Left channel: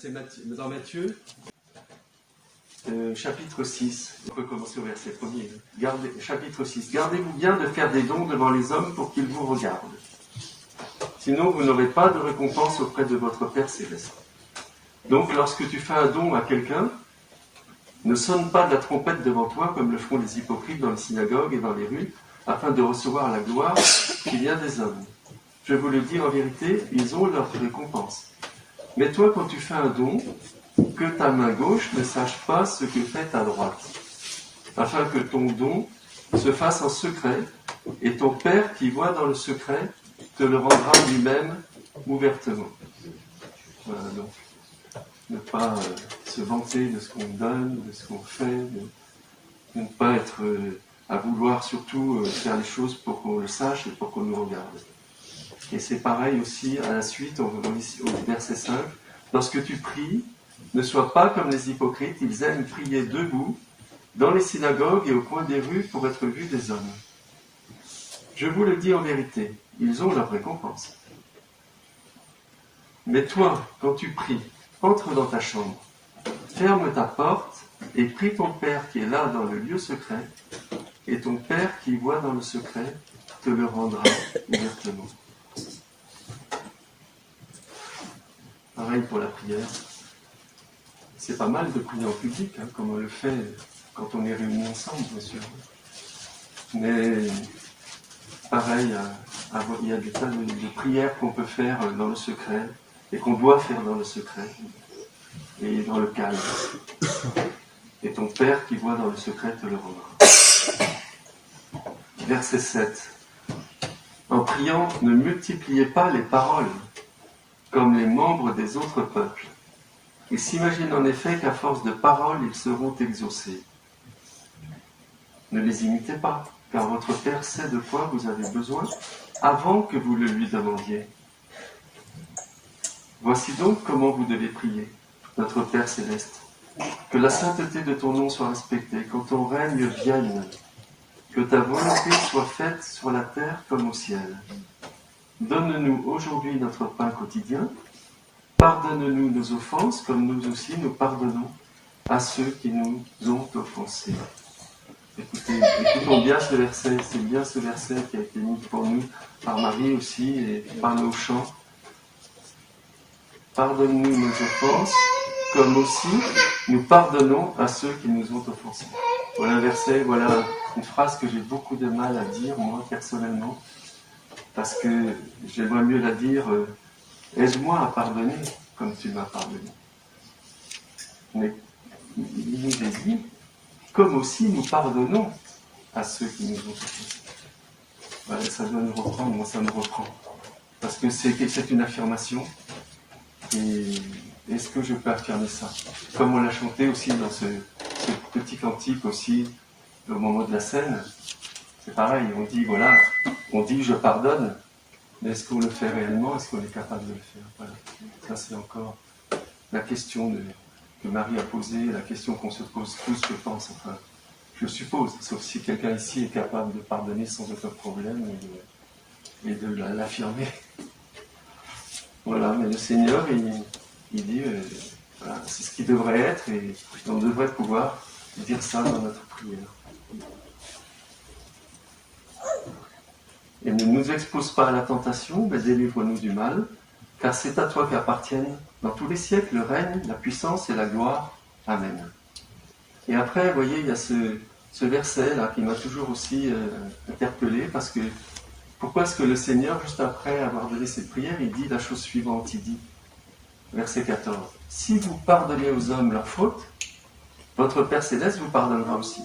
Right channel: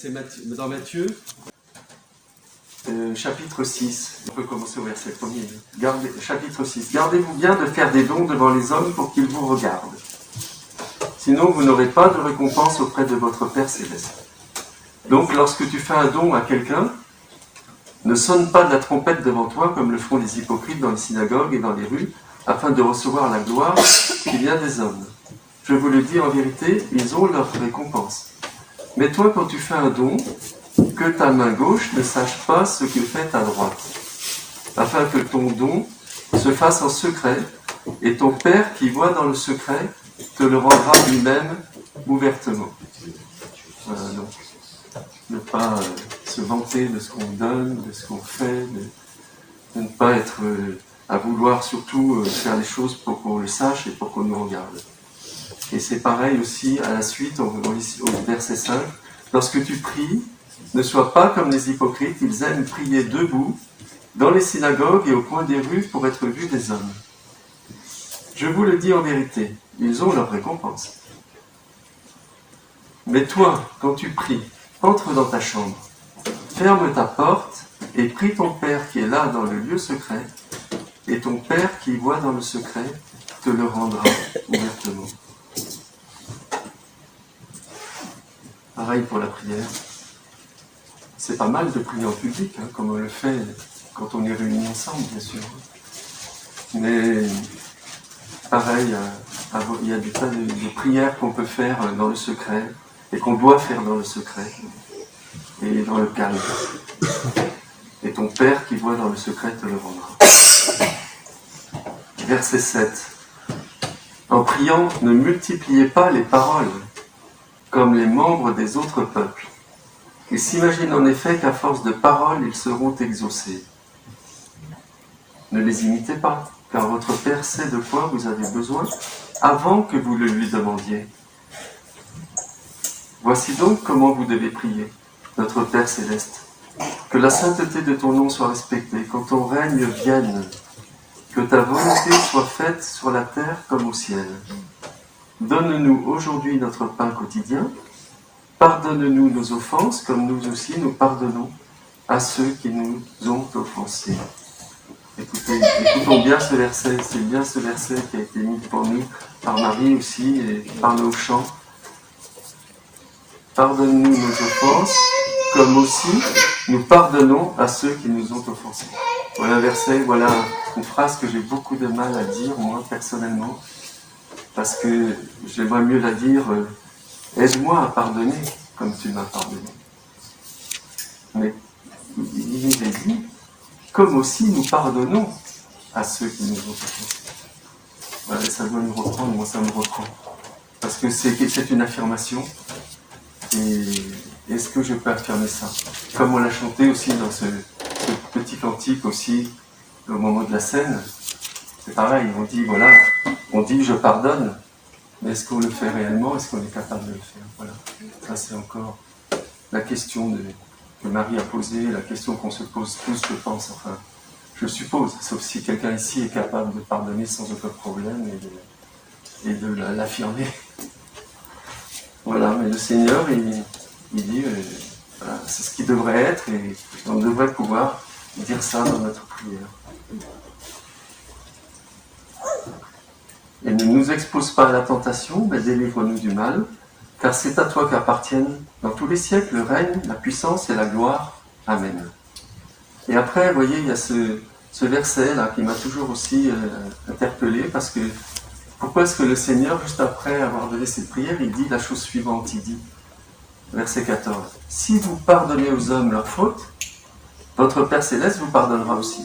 C'est dans Matthieu, chapitre 6. On peut commencer au verset 1er. Chapitre 6. Gardez-vous bien de faire des dons devant les hommes pour qu'ils vous regardent. Sinon, vous n'aurez pas de récompense auprès de votre Père Céleste. Donc, lorsque tu fais un don à quelqu'un, ne sonne pas de la trompette devant toi comme le font les hypocrites dans les synagogues et dans les rues, afin de recevoir la gloire qui vient des hommes. Je vous le dis en vérité, ils ont leur récompense. Mais toi, quand tu fais un don, que ta main gauche ne sache pas ce que fait ta droite, afin que ton don se fasse en secret, et ton Père qui voit dans le secret te le rendra lui-même ouvertement. Voilà, donc, ne pas se vanter de ce qu'on donne, de ce qu'on fait, de ne pas être à vouloir surtout faire les choses pour qu'on le sache et pour qu'on nous regarde. Et c'est pareil aussi à la suite, au verset 5, lorsque tu pries, ne sois pas comme les hypocrites, ils aiment prier debout, dans les synagogues et au coin des rues pour être vus des hommes. Je vous le dis en vérité, ils ont leur récompense. Mais toi, quand tu pries, entre dans ta chambre, ferme ta porte et prie ton Père qui est là dans le lieu secret, et ton Père qui voit dans le secret te le rendra ouvertement. Pareil pour la prière. C'est pas mal de prier en public, comme on le fait quand on est réunis ensemble, bien sûr. Mais pareil, il y a des tas de prières qu'on peut faire dans le secret et qu'on doit faire dans le secret et dans le calme. Et ton Père qui voit dans le secret te le rendra. Verset 7. En priant, ne multipliez pas les paroles comme les membres des autres peuples. Ils s'imaginent en effet qu'à force de paroles, ils seront exaucés. Ne les imitez pas, car votre Père sait de quoi vous avez besoin avant que vous le lui demandiez. Voici donc comment vous devez prier, notre Père Céleste. Que la sainteté de ton nom soit respectée, que ton règne vienne, que ta volonté soit faite sur la terre comme au ciel. Donne-nous aujourd'hui notre pain quotidien. Pardonne-nous nos offenses, comme nous aussi nous pardonnons à ceux qui nous ont offensés. Écoutons bien ce verset, c'est bien ce verset qui a été mis pour nous par Marie aussi et par nos chants. Pardonne-nous nos offenses, comme aussi nous pardonnons à ceux qui nous ont offensés. Voilà un verset, voilà une phrase que j'ai beaucoup de mal à dire, moi, personnellement, parce que j'aimerais mieux la dire aide-moi à pardonner comme tu m'as pardonné. Mais il nous est dit, comme aussi nous pardonnons à ceux qui nous ont offensés. Voilà, ça doit nous reprendre, moi ça me reprend. Parce que c'est une affirmation. Et est-ce que je peux affirmer ça? Comme on l'a chanté aussi dans ce petit cantique aussi, au moment de la scène, c'est pareil, on dit voilà, on dit je pardonne, mais est-ce qu'on le fait réellement? Est-ce qu'on est capable de le faire? Voilà. Ça c'est encore la question que Marie a posée, la question qu'on se pose tous, je pense, enfin, je suppose, sauf si quelqu'un ici est capable de pardonner sans aucun problème et de l'affirmer. Voilà, mais le Seigneur, il dit, voilà, c'est ce qui devrait être et on devrait pouvoir dire ça dans notre prière. Et ne nous expose pas à la tentation, mais délivre-nous du mal, car c'est à toi qu'appartiennent dans tous les siècles le règne, la puissance et la gloire. Amen. Et après, vous voyez, il y a ce verset-là qui m'a toujours aussi interpellé, parce que pourquoi est-ce que le Seigneur, juste après avoir donné cette prière, il dit la chose suivante, il dit, verset 14, « Si vous pardonnez aux hommes leurs fautes, votre Père Céleste vous pardonnera aussi.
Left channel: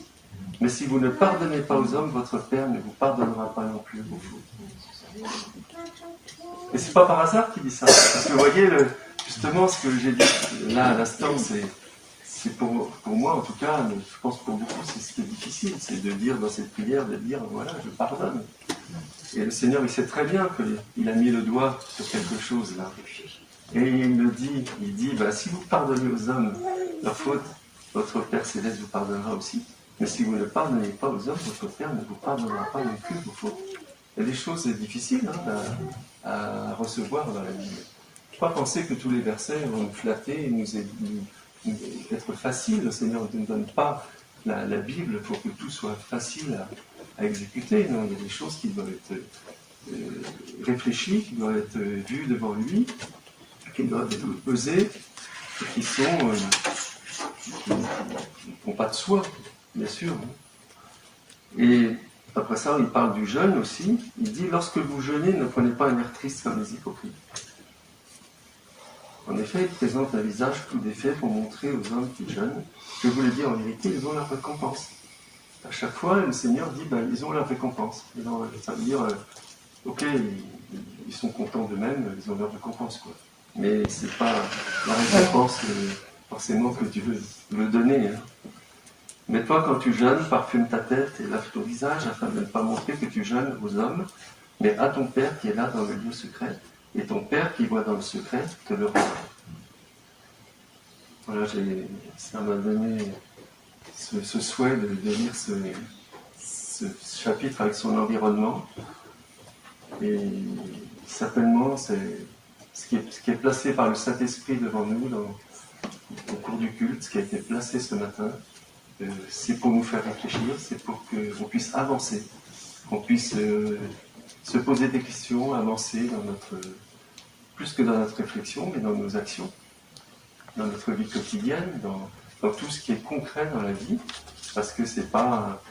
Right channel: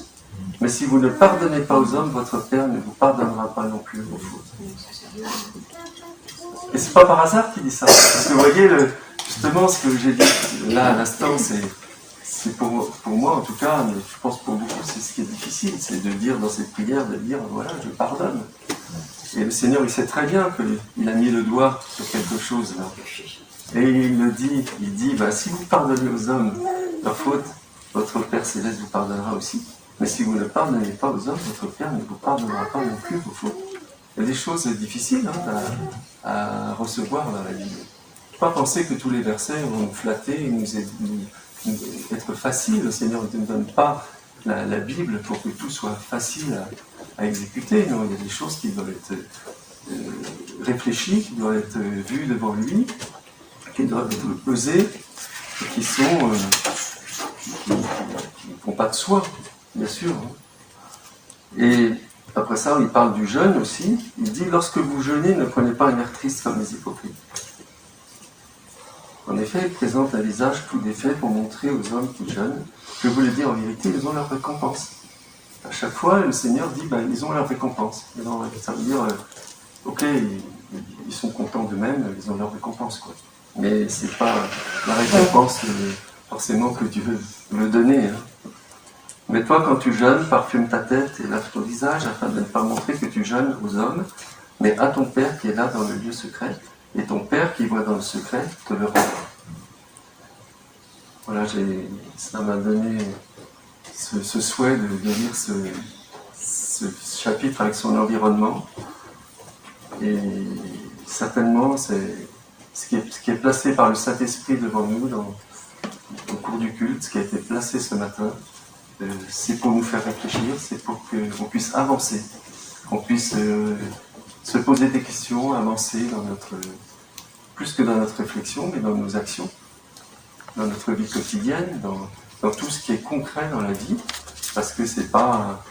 Mais si vous ne pardonnez pas aux hommes, votre Père ne vous pardonnera pas non plus vos fautes. » Et c'est pas par hasard qu'il dit ça. Parce que vous voyez, justement, ce que j'ai dit là à l'instant, c'est pour moi en tout cas, mais je pense pour beaucoup, c'est ce qui est difficile, c'est de dire dans cette prière, de dire, voilà, je pardonne. Et le Seigneur, il sait très bien qu'il a mis le doigt sur quelque chose là. Et il le dit, si vous pardonnez aux hommes leurs fautes, votre Père Céleste vous pardonnera aussi. Mais si vous ne pardonnez pas aux hommes, votre Père ne vous pardonnera pas non plus vos fautes. Il y a des choses difficiles à recevoir dans la Bible. Pas penser que tous les versets vont nous flatter et nous être faciles. Le Seigneur ne nous donne pas la Bible pour que tout soit facile à exécuter. Non, il y a des choses qui doivent être réfléchies, qui doivent être vues devant lui, qui doivent être pesées, et qui sont qui ne font pas de soi, bien sûr. Et après ça, il parle du jeûne aussi. Il dit, lorsque vous jeûnez, ne prenez pas un air triste comme les hypocrites. En effet, ils présentent un visage tout défait pour montrer aux hommes qui jeûnent que, vous le dites en vérité, ils ont leur récompense. À chaque fois, le Seigneur dit, ils ont leur récompense. Ça veut dire, ok, ils sont contents d'eux-mêmes, ils ont leur récompense, quoi. Mais c'est pas la récompense forcément que Dieu veut me donner. Hein. Mais toi, quand tu jeûnes, parfume ta tête et lave ton visage afin de ne pas montrer que tu jeûnes aux hommes, mais à ton Père qui est là dans le lieu secret. Et ton Père qui voit dans le secret te le rendra. Voilà, ça m'a donné ce souhait de lire ce chapitre avec son environnement. Et certainement, c'est ce qui est placé par le Saint-Esprit devant nous au cours du culte, ce qui a été placé ce matin, c'est pour nous faire réfléchir, c'est pour qu'on puisse avancer, qu'on puisse se poser des questions, avancer plus que dans notre réflexion, mais dans nos actions, dans notre vie quotidienne, dans tout ce qui est concret dans la vie, parce que c'est pas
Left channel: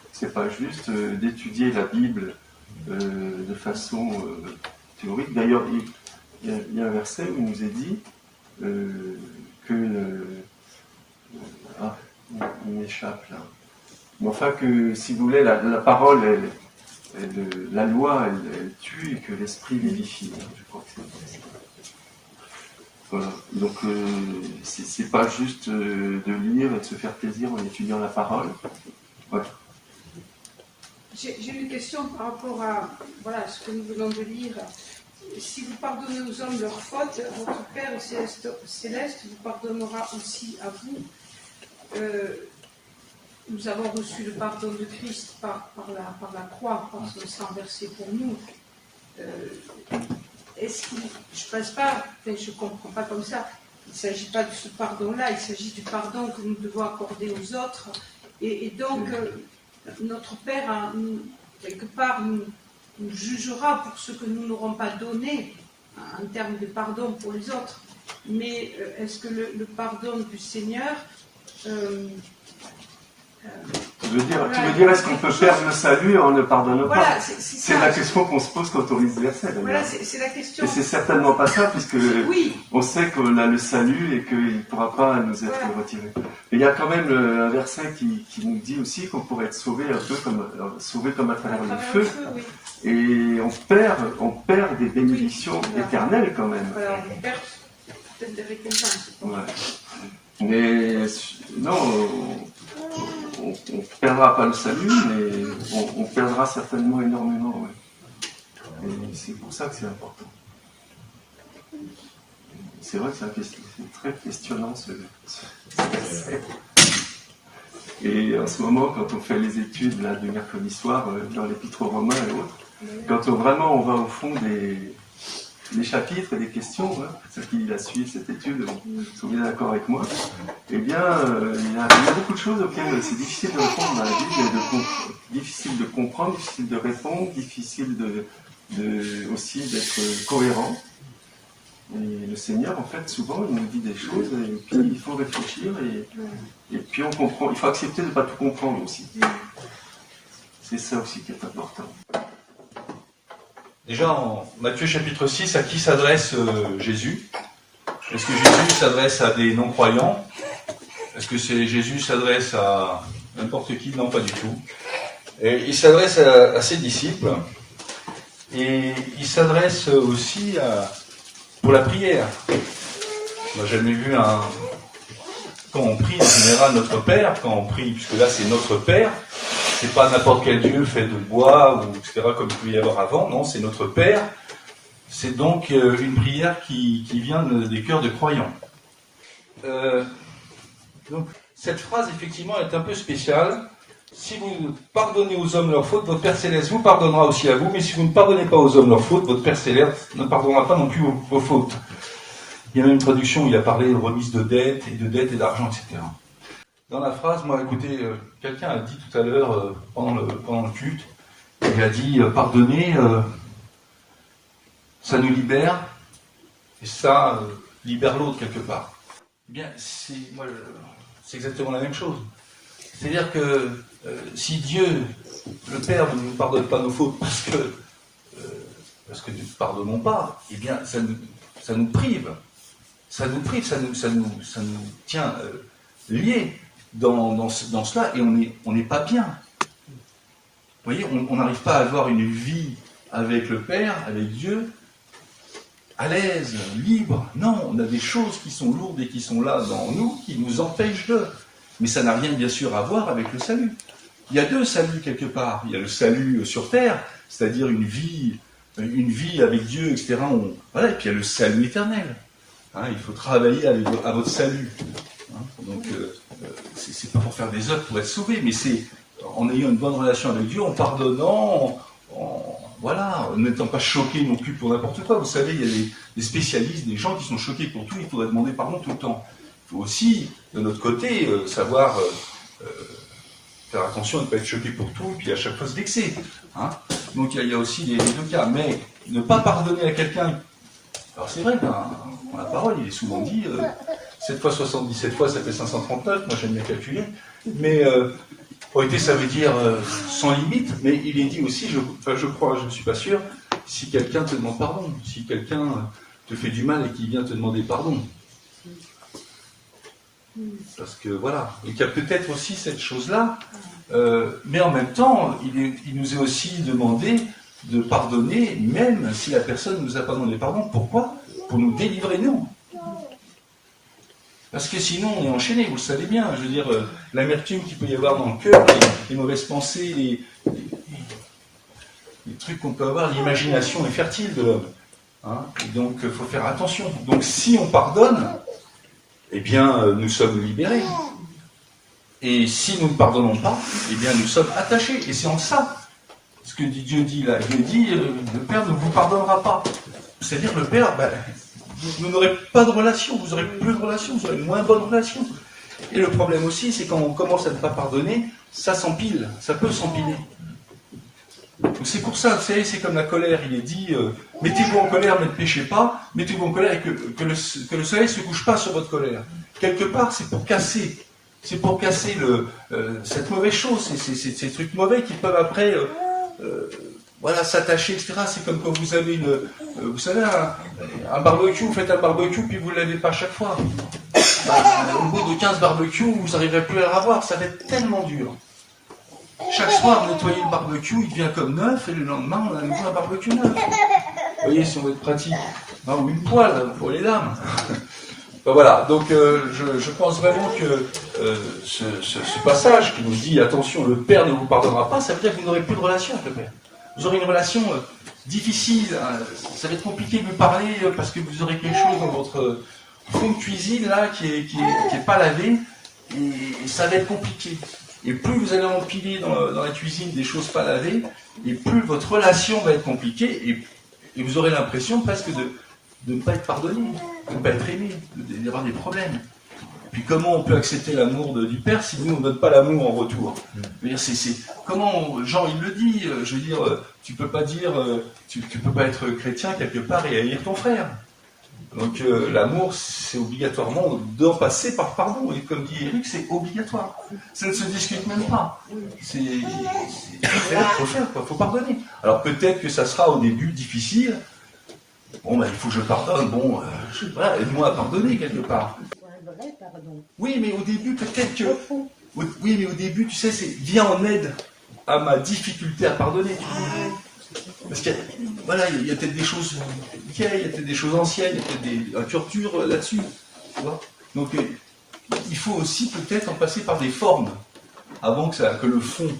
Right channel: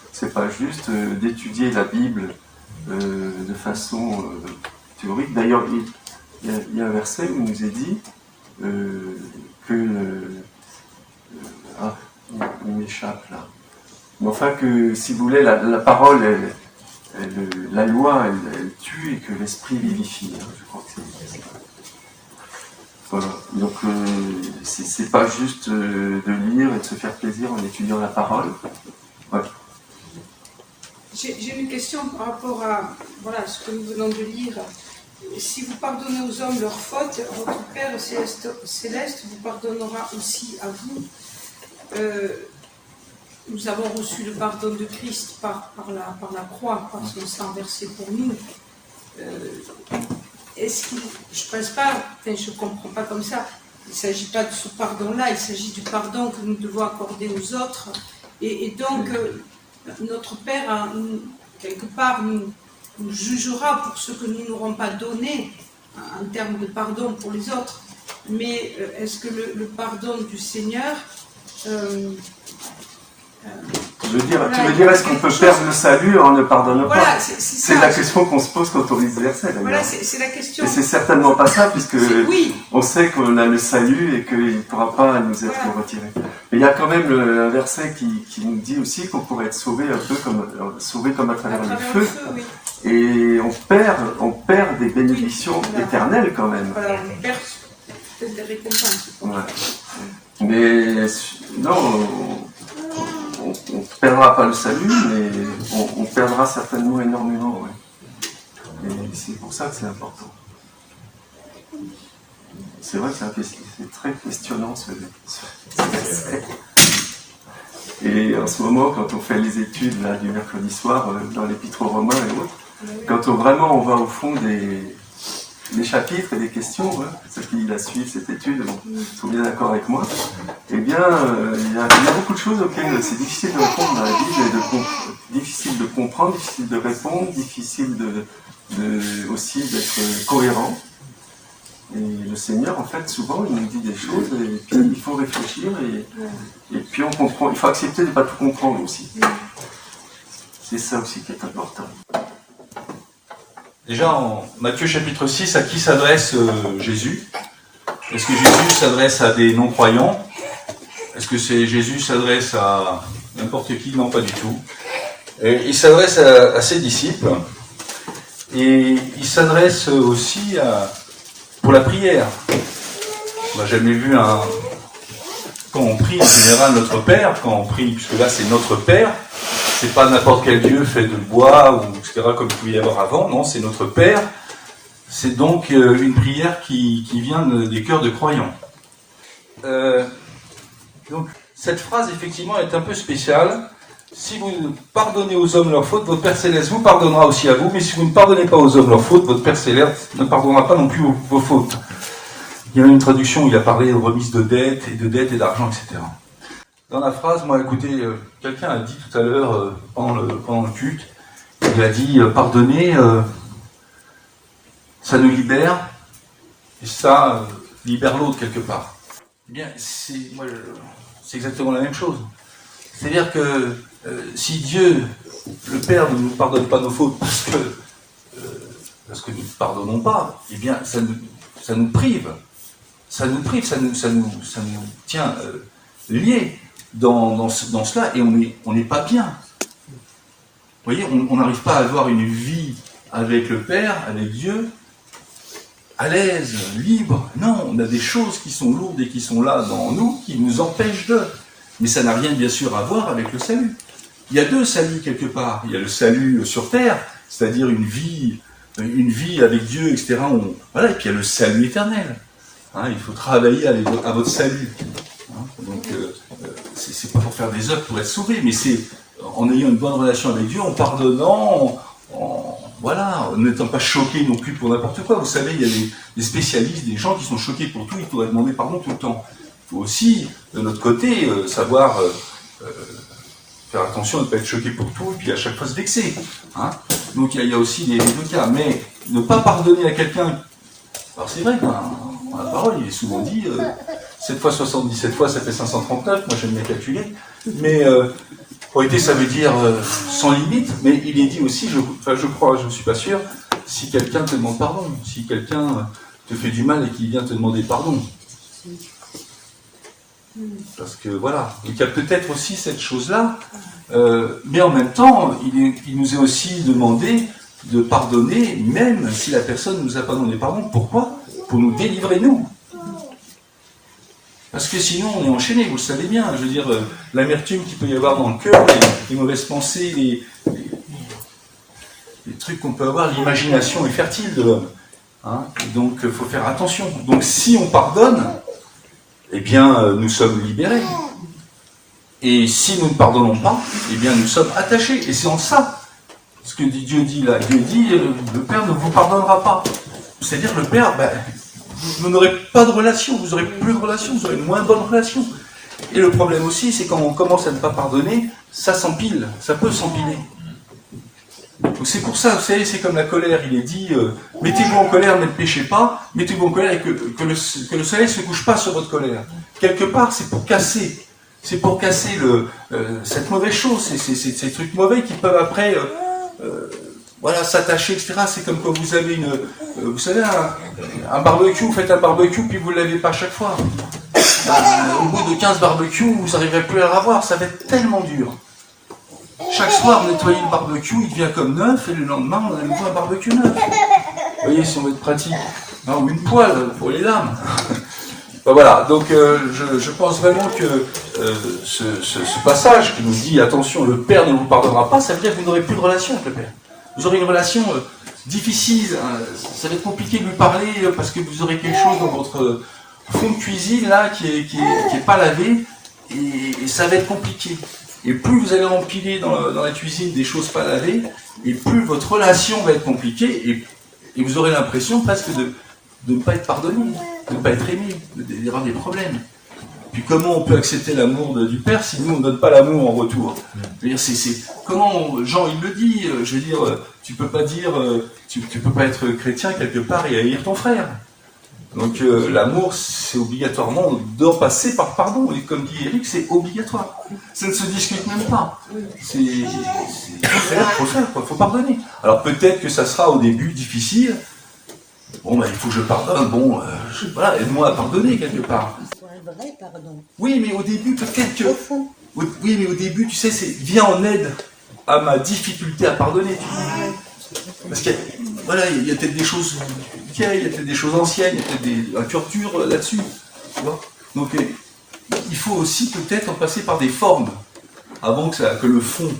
juste d'étudier la Bible de façon théorique. D'ailleurs, il y a un verset où il nous est dit que il m'échappe là. Mais enfin que, si vous voulez, la parole, la loi, elle tue et que l'esprit vivifie. Hein, je crois que c'est ça. Voilà. Donc, c'est pas juste de lire et de se faire plaisir en étudiant la parole. Voilà. J'ai une question par rapport à ce que nous venons de lire. Si vous pardonnez aux hommes leurs fautes, votre Père céleste vous pardonnera aussi à vous. Nous avons reçu le pardon de Christ par la croix, par son sang versé pour nous. Je ne comprends pas comme ça. Il ne s'agit pas de ce pardon-là, il s'agit du pardon que nous devons accorder aux autres. Et donc, notre Père, quelque part, nous jugera pour ce que nous n'aurons pas donné en termes de pardon pour les autres. Mais est-ce que le pardon du Seigneur... tu veux dire, est-ce qu'on peut perdre le salut en ne pardonnant pas? C'est la question qu'on se pose quand on lit ce verset. Voilà, c'est la question. Et c'est certainement pas ça, puisque on sait qu'on a le salut et qu'il ne pourra pas nous être retiré. Mais il y a quand même un verset qui nous dit aussi qu'on pourrait être sauvé un peu comme à travers le feu. Oui. Et on perd des bénédictions éternelles quand même. Voilà, on perd peut-être des récompenses. Ouais. Mais non, on ne perdra pas le salut, mais on perdra certainement énormément. Ouais. Et c'est pour ça que c'est important. C'est vrai que c'est très questionnant ce verset. Et en ce moment, quand on fait les études là, du mercredi soir dans l'Épître aux Romains et autres, quand on va au fond des chapitres et des questions, ceux qui la suivent cette étude sont bien d'accord avec moi, eh bien, il y a beaucoup de choses auxquelles c'est difficile de répondre dans la Bible, difficile de comprendre, difficile de répondre, difficile aussi d'être cohérent. Et le Seigneur, en fait, souvent, il nous dit des choses, et puis il faut réfléchir, et puis on comprend. Il faut accepter de ne pas tout comprendre aussi. C'est ça aussi qui est important. Déjà, en Matthieu chapitre 6, à qui s'adresse Jésus? Est-ce que Jésus s'adresse à des non-croyants? Est-ce que Jésus s'adresse à n'importe qui? Non, pas du tout. Et il s'adresse à ses disciples, et il s'adresse aussi pour la prière. On n'a jamais vu quand on prie en général notre Père, quand on prie, puisque là c'est notre Père, c'est pas n'importe quel Dieu fait de bois, ou etc., comme il pouvait y avoir avant, non, c'est notre Père. C'est donc une prière qui vient des cœurs de croyants. Donc cette phrase effectivement est un peu spéciale. Si vous pardonnez aux hommes leurs fautes, votre Père Céleste vous pardonnera aussi à vous, mais si vous ne pardonnez pas aux hommes leurs fautes, votre Père Céleste ne pardonnera pas non plus vos fautes. Il y a une traduction où il a parlé de remise de dettes et d'argent, etc. Dans la phrase, moi, écoutez, quelqu'un a dit tout à l'heure, pendant le culte, il a dit pardonner, ça nous libère, et ça libère l'autre quelque part. Eh bien, c'est exactement la même chose. C'est-à-dire que si Dieu, le Père, ne nous pardonne pas nos fautes parce que nous ne pardonnons pas, eh bien, ça nous prive. Ça nous tient liés dans cela, et on n'est pas bien. Vous voyez, on n'arrive pas à avoir une vie avec le Père, avec Dieu, à l'aise, libre. Non, on a des choses qui sont lourdes et qui sont là dans nous, qui nous empêchent de. Mais ça n'a rien, bien sûr, à voir avec le salut. Il y a deux saluts quelque part. Il y a le salut sur terre, c'est-à-dire une vie avec Dieu, etc. Voilà, et puis il y a le salut éternel. Hein, il faut travailler à votre salut. Hein, donc, c'est pas pour faire des œuvres pour être sauvé, mais c'est en ayant une bonne relation avec Dieu, en pardonnant, voilà, en n'étant pas choqué non plus pour n'importe quoi. Vous savez, il y a des spécialistes, des gens qui sont choqués pour tout, il faudrait demander pardon tout le temps. Il faut aussi, de notre côté, savoir faire attention à ne pas être choqué pour tout, et puis à chaque fois se vexer. Hein. Donc il y a aussi les deux cas. Mais ne pas pardonner à quelqu'un... Alors c'est vrai, dans la parole, il est souvent dit 7 fois 77 fois, ça fait 539, moi j'aime bien calculer. Mais autorité, ça veut dire sans limite, mais il est dit aussi, je crois, je ne suis pas sûr, si quelqu'un te demande pardon, si quelqu'un te fait du mal et qu'il vient te demander pardon. Parce que voilà, donc il y a peut-être aussi cette chose-là, mais en même temps, il nous est aussi demandé de pardonner, même si la personne ne nous a pas demandé pardon. Pourquoi ? Pour nous délivrer, nous. Parce que sinon, on est enchaîné, vous le savez bien. Je veux dire, l'amertume qu'il peut y avoir dans le cœur, les mauvaises pensées, les trucs qu'on peut avoir, l'imagination est fertile de l'homme. Hein, donc, il faut faire attention. Donc, si on pardonne, eh bien, nous sommes libérés. Et si nous ne pardonnons pas, eh bien, nous sommes attachés. Et c'est en ça, ce que Dieu dit là. Dieu dit, le Père ne vous pardonnera pas. C'est-à-dire, le Père, vous n'aurez pas de relation, vous n'aurez plus de relation, vous aurez moins bonne relation. Et le problème aussi, c'est quand on commence à ne pas pardonner, ça s'empile, ça peut s'empiler. Donc c'est pour ça, vous savez, c'est comme la colère, il est dit, mettez-vous en colère, mais ne péchez pas, mettez-vous en colère et que le soleil ne se couche pas sur votre colère. Quelque part, c'est pour casser cette mauvaise chose, ces trucs mauvais qui peuvent après... voilà, s'attacher, etc. C'est comme quand vous avez vous savez, un barbecue, vous faites un barbecue, puis vous ne l'avez pas à chaque fois. Au bout de 15 barbecues, vous n'arriverez plus à le revoir, ça va être tellement dur. Chaque soir, nettoyer le barbecue, il devient comme neuf, et le lendemain, on a nouveau un barbecue neuf. Vous voyez, si on veut être pratique. Non, ou une poêle pour les lames. Voilà, donc je pense vraiment que ce passage qui nous dit, attention, le Père ne vous pardonnera pas, ça veut dire que vous n'aurez plus de relation avec le Père. Vous aurez une relation difficile, hein, ça va être compliqué de lui parler parce que vous aurez quelque chose dans votre fond de cuisine là qui est pas lavé et ça va être compliqué. Et plus vous allez empiler dans la cuisine des choses pas lavées, et plus votre relation va être compliquée et vous aurez l'impression presque de ne pas être pardonné, de ne pas être aimé, d'y avoir des problèmes. Puis comment on peut accepter l'amour du Père si nous on ne donne pas l'amour en retour? Je veux dire, comment Jean il le dit, je veux dire, tu peux pas être chrétien quelque part et haïr ton frère. Donc l'amour, c'est obligatoirement d'en passer par pardon. Et comme dit Eric, c'est obligatoire. Ça ne se discute même pas. Il faut faire, quoi. Faut pardonner. Alors peut-être que ça sera au début difficile. Bon, il faut que je pardonne. Bon, voilà, aide-moi à pardonner quelque part. Vrai, pardon. Oui, mais au début, peut-être que... Oui, mais au début, tu sais, viens en aide à ma difficulté à pardonner. Parce qu'il y a peut-être des choses vieilles, il y a peut-être des choses anciennes, il y a peut-être un torture là-dessus. Tu vois. Donc, il faut aussi peut-être en passer par des formes avant que le fond...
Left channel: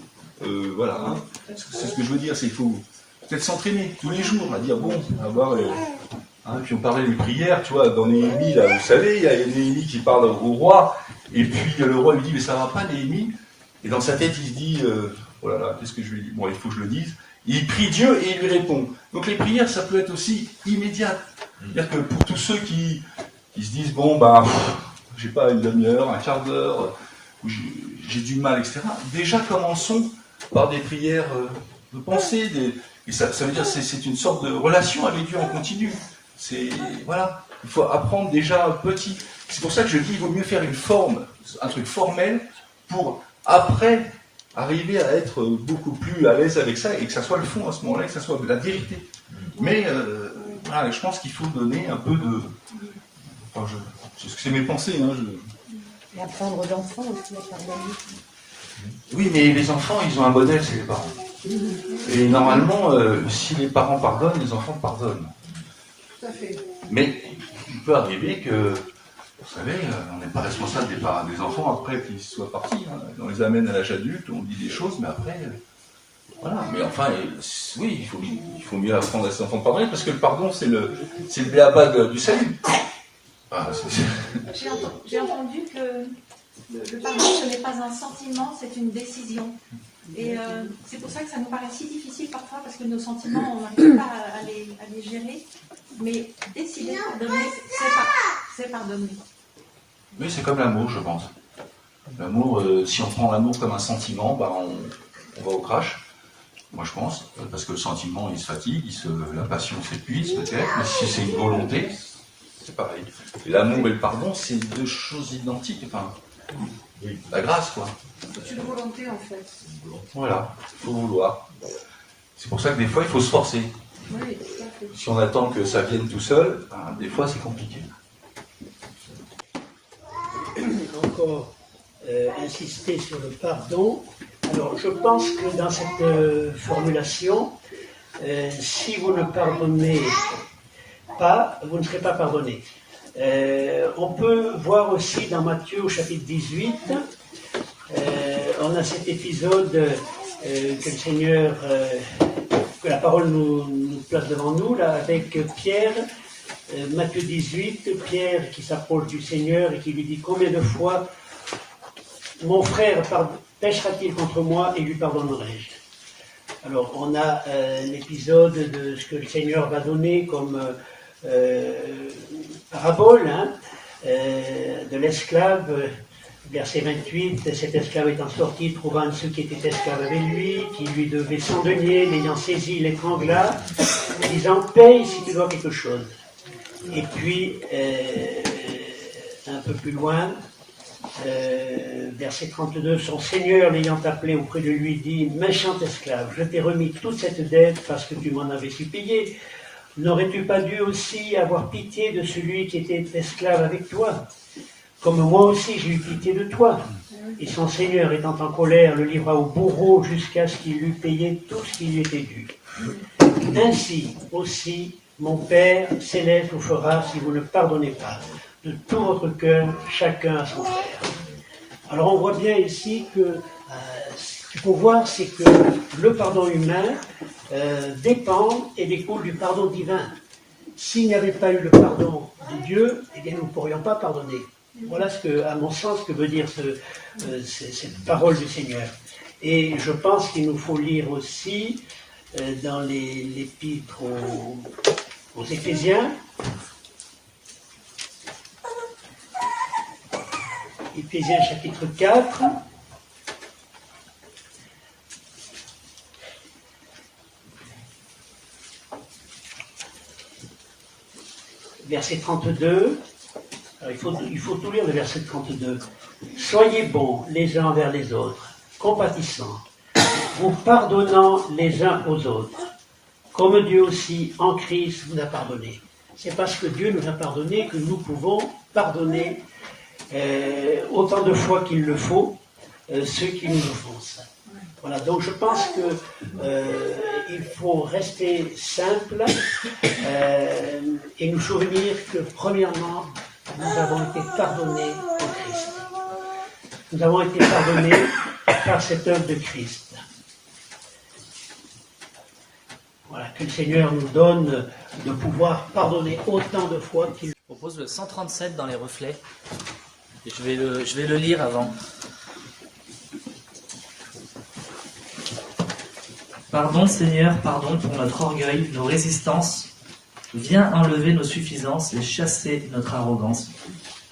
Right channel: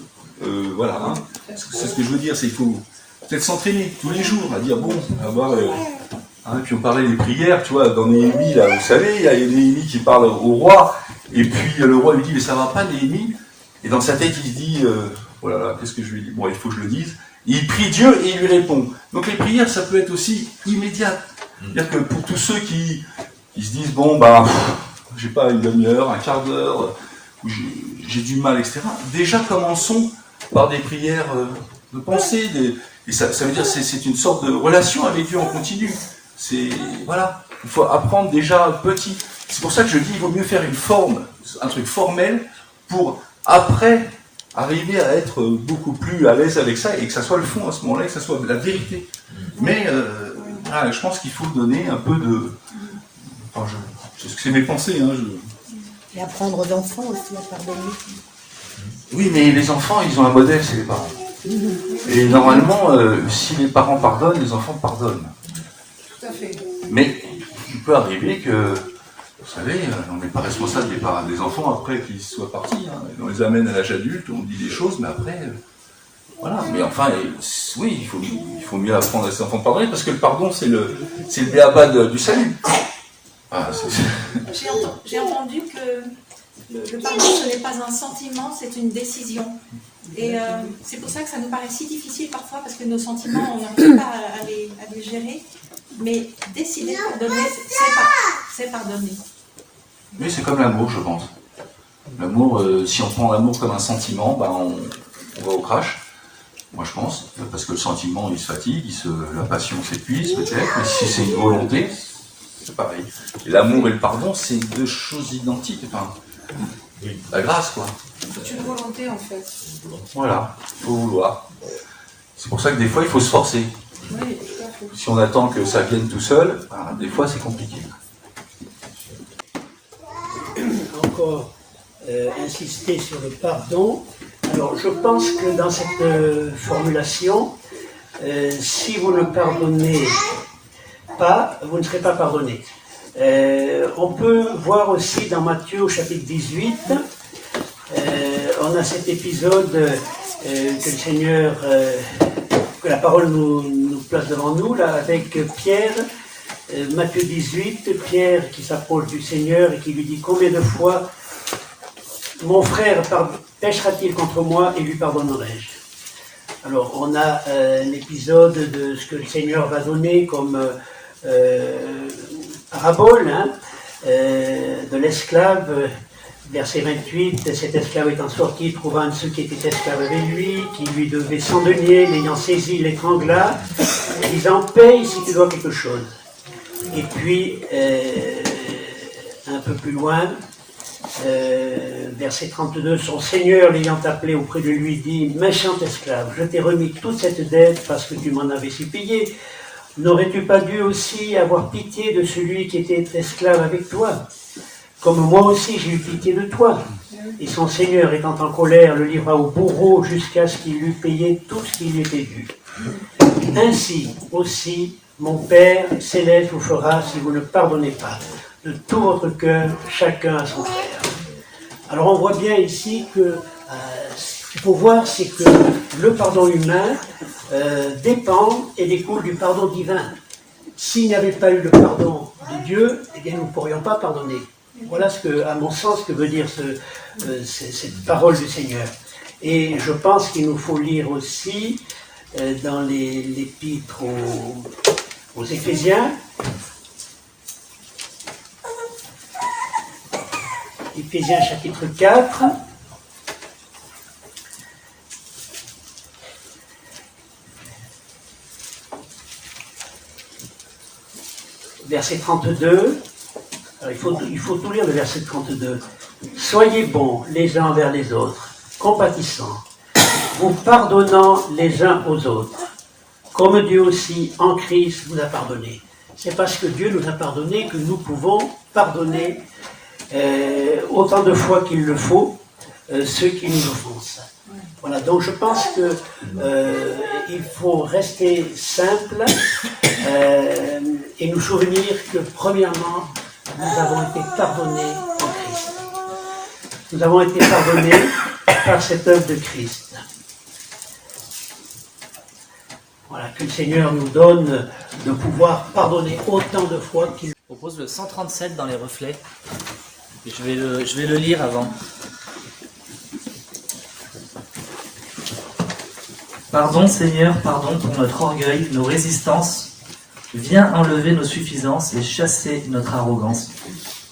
voilà, hein. C'est ce que je veux dire, c'est qu'il faut peut-être s'entraîner tous les jours à dire, bon, avoir... Hein, puis on parlait des prières, tu vois, dans Néhémie, là, vous savez, il y a Néhémie qui parle au roi, et puis le roi lui dit, mais ça va pas, Néhémie? Et dans sa tête, il se dit, oh là là, qu'est-ce que je lui dis? Bon, il faut que je le dise. Et il prie Dieu et il lui répond. Donc les prières, ça peut être aussi immédiat. C'est-à-dire que pour tous ceux qui qui se disent, bon, ben, j'ai pas une demi-heure, un quart d'heure, où j'ai du mal, etc. Déjà, commençons par des prières de pensée, et ça veut dire que c'est une sorte de relation avec Dieu en continu. Voilà, il faut apprendre déjà petit. C'est pour ça que je dis, il vaut mieux faire une forme, un truc formel, pour après arriver à être beaucoup plus à l'aise avec ça, et que ça soit le fond à ce moment-là, et que ça soit la vérité. Mais voilà, je pense qu'il faut donner un peu de... Enfin, c'est mes pensées, hein, Et apprendre d'enfants aussi à pardonner. Oui, mais les enfants, ils ont un modèle, c'est les parents. Et normalement, si les parents pardonnent, les enfants pardonnent. Tout à fait. Mais il peut arriver que, vous savez, on n'est pas responsable des enfants après qu'ils soient partis. Hein. On les amène à l'âge adulte, on dit des choses, mais après, voilà. Mais enfin, oui, il faut mieux apprendre à ses enfants de pardonner, parce que le pardon, c'est le b.a.-ba du salut. Ah, J'ai entendu que le pardon, ce n'est pas un sentiment, c'est une décision. Et c'est pour ça que ça nous paraît si difficile parfois, parce que nos sentiments, on n'arrive pas à les gérer. Mais décider de pardonner, c'est pardonner. Oui, c'est comme l'amour, je pense. L'amour, si on prend l'amour comme un sentiment, ben on va au crash. Moi, je pense, parce que le sentiment, il se fatigue, la passion s'épuise peut-être, mais si c'est une volonté, c'est pareil. Et l'amour et le pardon, c'est deux choses identiques. Enfin, la grâce, quoi. C'est une volonté, en fait. Voilà, il faut vouloir. C'est pour ça que des fois, il faut se forcer. Oui, tout à fait. Si on attend que ça vienne tout seul, ben, des fois, c'est compliqué. Encore insister sur le pardon. Alors, je pense que dans cette formulation, si vous ne pardonnez pas, vous ne serez pas pardonné. On peut voir aussi dans Matthieu au chapitre 18, on a cet épisode que le Seigneur, que la parole nous place devant nous, là, avec Pierre, Matthieu 18, Pierre qui s'approche du Seigneur et qui lui dit: combien de fois mon frère pêchera-t-il contre moi et lui pardonnerai-je? Alors, on a l'épisode de ce que le Seigneur va donner comme parabole, hein, de l'esclave, verset 28, cet esclave étant sorti, trouva un de ceux qui étaient esclaves avec lui, qui lui devait 100 deniers, l'ayant saisi, l'étrangla, disant: paye si tu dois quelque chose. Et puis, un peu plus loin, verset 32, son Seigneur l'ayant appelé auprès de lui dit: méchant esclave, je t'ai remis toute cette dette parce que tu m'en avais supplié. N'aurais-tu pas dû aussi avoir pitié de celui qui était esclave avec toi, comme moi aussi j'ai eu pitié de toi? Et son Seigneur étant en colère le livra au bourreau jusqu'à ce qu'il eût payé tout ce qui lui était dû. Ainsi aussi mon Père céleste vous fera si vous ne pardonnez pas de tout votre cœur chacun à son frère. Alors on voit bien ici que ce qu'il faut voir, c'est que le pardon humain dépend et découle du pardon divin. S'il n'y avait pas eu le pardon de Dieu, eh bien nous ne pourrions pas pardonner. Voilà à mon sens, ce que veut dire cette parole du Seigneur. Et je pense qu'il nous faut lire aussi dans l'épître aux Éphésiens, Éphésiens chapitre 4, verset 32. Alors, il faut tout lire le verset 32. Soyez bons les uns envers les autres, compatissants, vous pardonnant les uns aux autres, comme Dieu aussi en Christ vous a pardonné. C'est parce que Dieu nous a pardonné que nous pouvons pardonner autant de fois qu'il le faut ceux qui nous offensent. Voilà, donc je pense que il faut rester simple et nous souvenir que premièrement, nous avons été pardonnés en Christ. Nous avons été pardonnés par cette œuvre de Christ. Voilà, que le Seigneur nous donne de pouvoir pardonner autant de fois qu'il Je propose le 137 dans les reflets. Je vais le lire avant. Pardon Seigneur, pardon pour notre orgueil, nos résistances, Viens enlever nos suffisances et chasser notre arrogance.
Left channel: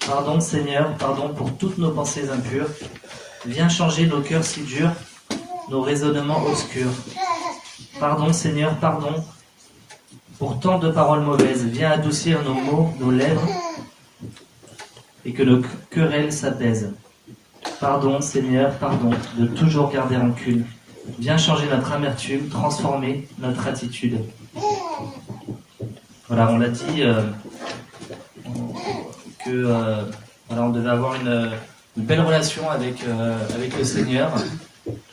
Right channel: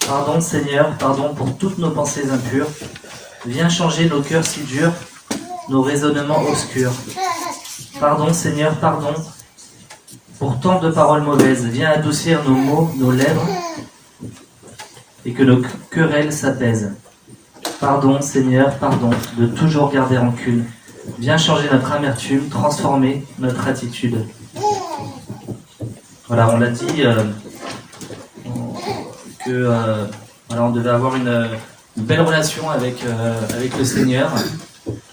Pardon Seigneur, pardon pour toutes nos pensées impures. Viens changer nos cœurs si durs, nos raisonnements obscurs. Pardon Seigneur, pardon pour tant de paroles mauvaises. Viens adoucir nos mots, nos lèvres, et que nos querelles s'apaisent. Pardon Seigneur, pardon de toujours garder rancune. Viens changer notre amertume, transformer notre attitude. Voilà, on l'a dit on devait avoir une belle relation avec le Seigneur.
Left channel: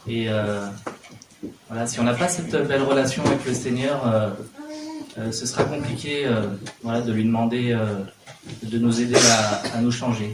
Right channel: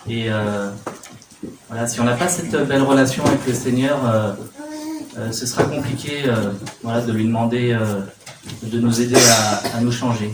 Et voilà, si on n'a pas cette belle relation avec le Seigneur, ce sera compliqué de lui demander de nous aider à nous changer.